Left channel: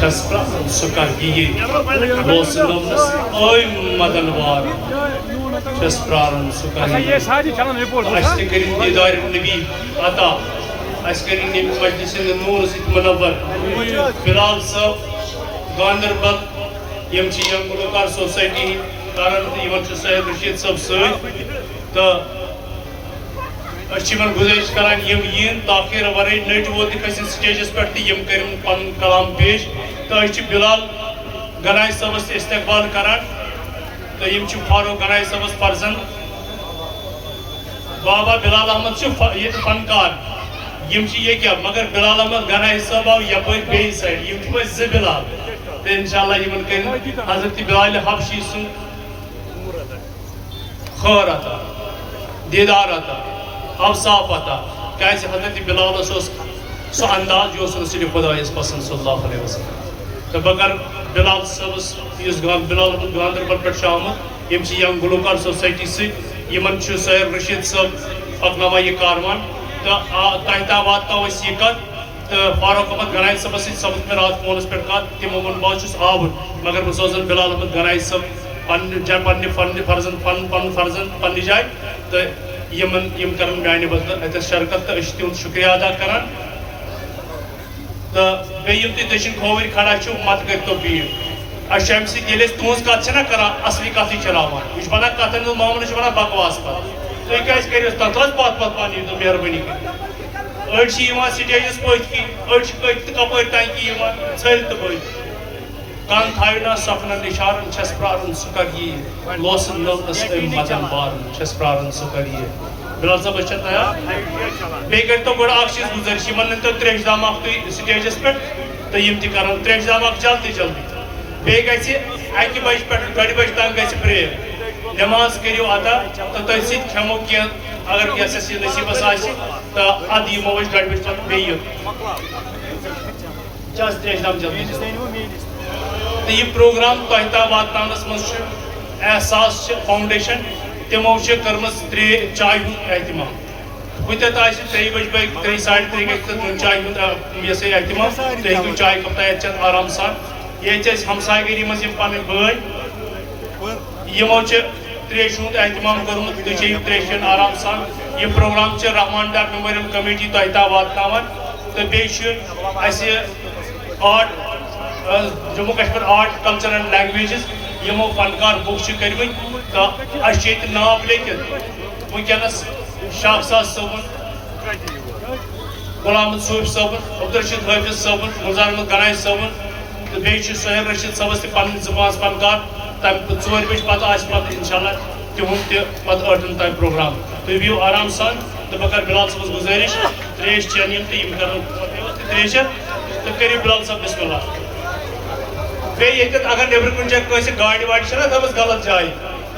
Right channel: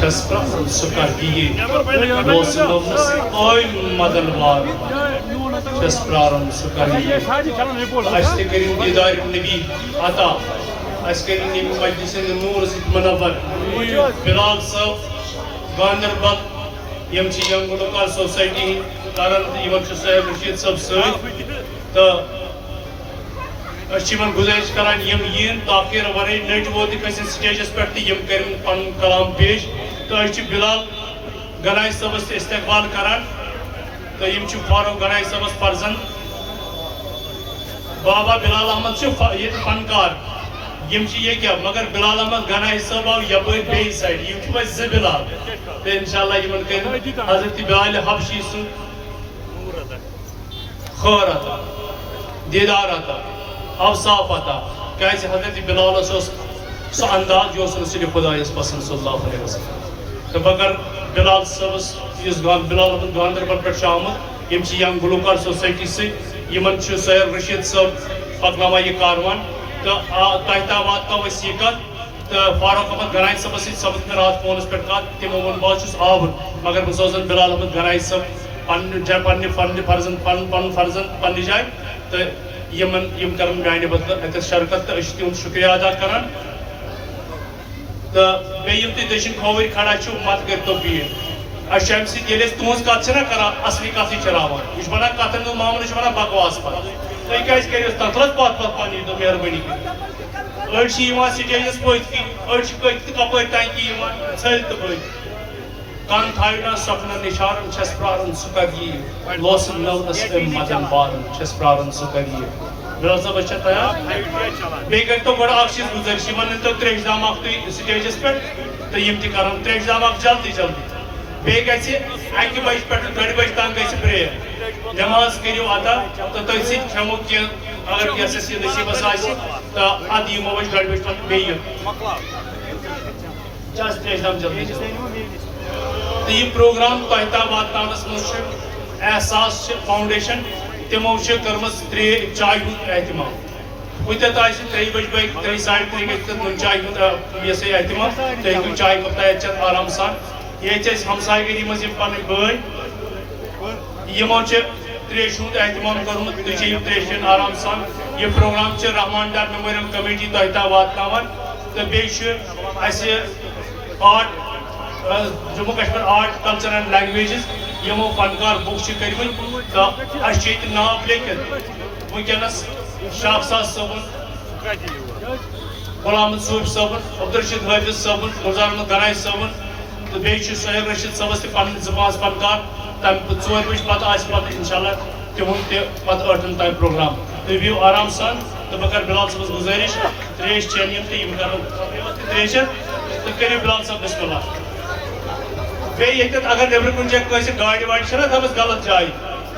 چھس سکر گی لوس نومس اوی مدن وار چھس پرارن سکر گی اس نے کریم دیدار نبی عطا اس کریم نبی مجلس نور ست منور بلال صاحب گاندربل یم چھ یم گلوکار سوسائٹی کرن یمن چھ صاحب رشید صاحب ست تو اچھیمن گزارش کران یم ین تاخیر ورے نٹ ووت کھسن سٹیجس پہ یم کرن پن کلام پیش تو اچھی بلال گنائی صاحبس استقبال کران تو یم چھ فاروق گنائی صاحبس فرزند بابا بلال احمد چھ یہ فنکار یم چھ یہ کیا مگر بلال احمد گنائی صاحب آو یپر بی سائڈ یم چھ ز بلال تو انشاءاللہ یمن کرن حضرت بلال حبشی سن خور عطا دیدار عطا اوصاف عطا کیسے حضرت بلال سہ انداز جو رسول خدا پسند صلی اللہ علیہ وسلم تو بغیر بلال صاحبس اس بلال گاندربل پہ آمت یم یم گلوکار سوسائٹی سمن سیر رشید صاحب پکناوان یہ کاروان تو تہ تام واتو یہ کت تو فاروق احمد گنائی صاحبس سپد مے رات فونس پہ کت تمو وون بہت چھس آور مگر بہ سوزن بلال احمد گنائی صاحب پن فرزند پنہ جائے تو یم کرن میانہ بدلہ اتس شرکت تو تہد شکریہ ادا کران تو یم تہ دشن کھوور کھڑا مت کرتو بھیڑ اچھا امہ سیل تہذ کت چھ کران اصلی کت چلاوان یہ ونان کتن ہند معاملہ ونان بکواس پہ تھی کیازِ کٔرِو تتھ حظ پتھ پنٕنۍ دۄہ مہربٲنی کٔرِتھ أڑۍ چھِ یِوان سٹیجس پٔتۍ کِنۍ أڑۍ چھِ پٔتۍ تہٕ کپٲرۍ ٹنٛکی یِوان ژھٔلۍ تہٕ پٔتۍ کن تھایو نا سپنا نشارن چھس پرارن سہ کر یہ لوسن نوس ام مدن بارن چھس پرارن سہ کر یہ بلال صاحب اچھا تیار بیٚیہِ کٔرۍتو گۄڈٕ اکھ چیٖز گُزٲرِش یِمن أنۍتو تریش اکھ تُہۍ سٹیجس پٮ۪ٹھ تہٕ یِم تہِ کرن تریش اکھ جلدی جلدی بیٚیہِ گژھِ اکہِ بجہِ پٮ۪ٹھ 2 بجہِ تام گژھِ پریئر نماز کٔرِو ادا تہٕ تُہۍ سۭتۍ کھٮ۪مو کینٛہہ اگر کینٛژھس یہِ نصیٖبس آسہِ تہٕ ادٕ یِمو أسۍ 2 بجہِ پتہٕ بیٚیہِ تریش جلدی جلدی تو یہ پروگرام تہ تام واتناونس مز احساس فاؤنڈیشن تمو کرمز 3 چائے ہند اہتمام کتت آ 3 بج بٲگۍ 3 ساڑِ 3 گژھِ نون چائے ہند یہ سا اہتمام تُہۍ ہیٚکِو چائے کپ تیار چٮ۪تھ آرام سان یہ ہمساے گری مز پن بٲے یمو تریش ہند اہتمام کورمت تُہۍ چیٚیِو تریش چٮ۪ن آرام سان یہ پروگرام رحمان ڈار میموریل کمیٹی تہ تام واتناوان تو بیٚیہِ اسہِ art Jammu Kashmir art culture and languages یمو فنکار بک کرم تو اچھے ناو لیکھت ونکس شاخساز صبن غلام صوب صبن عبدالرشید حافظ صبن مزار احمد گنائی صبن تو بیٚیہِ سہیل رشید صبس تہ پن زبان فنکار تمہ 4 بجے پتہ انشاءاللہ تہد تہ 8 تام پروگرام تُہۍ بِہِو آرام سان تو بہ کر بلال صٲبس گزٲرِش تریش چٮ۪ن یم تہٕ یم کرن تریش تہٕ کٔرِو بلال صٲب بسم اللہ بیٚیہِ ییٚتٮ۪تھ اگر نیٚبرٕ کُنہِ جایہِ کٲنٛسہِ گاڑِ واڑِ چھَنا تھٲومٕژ غلط جایہِ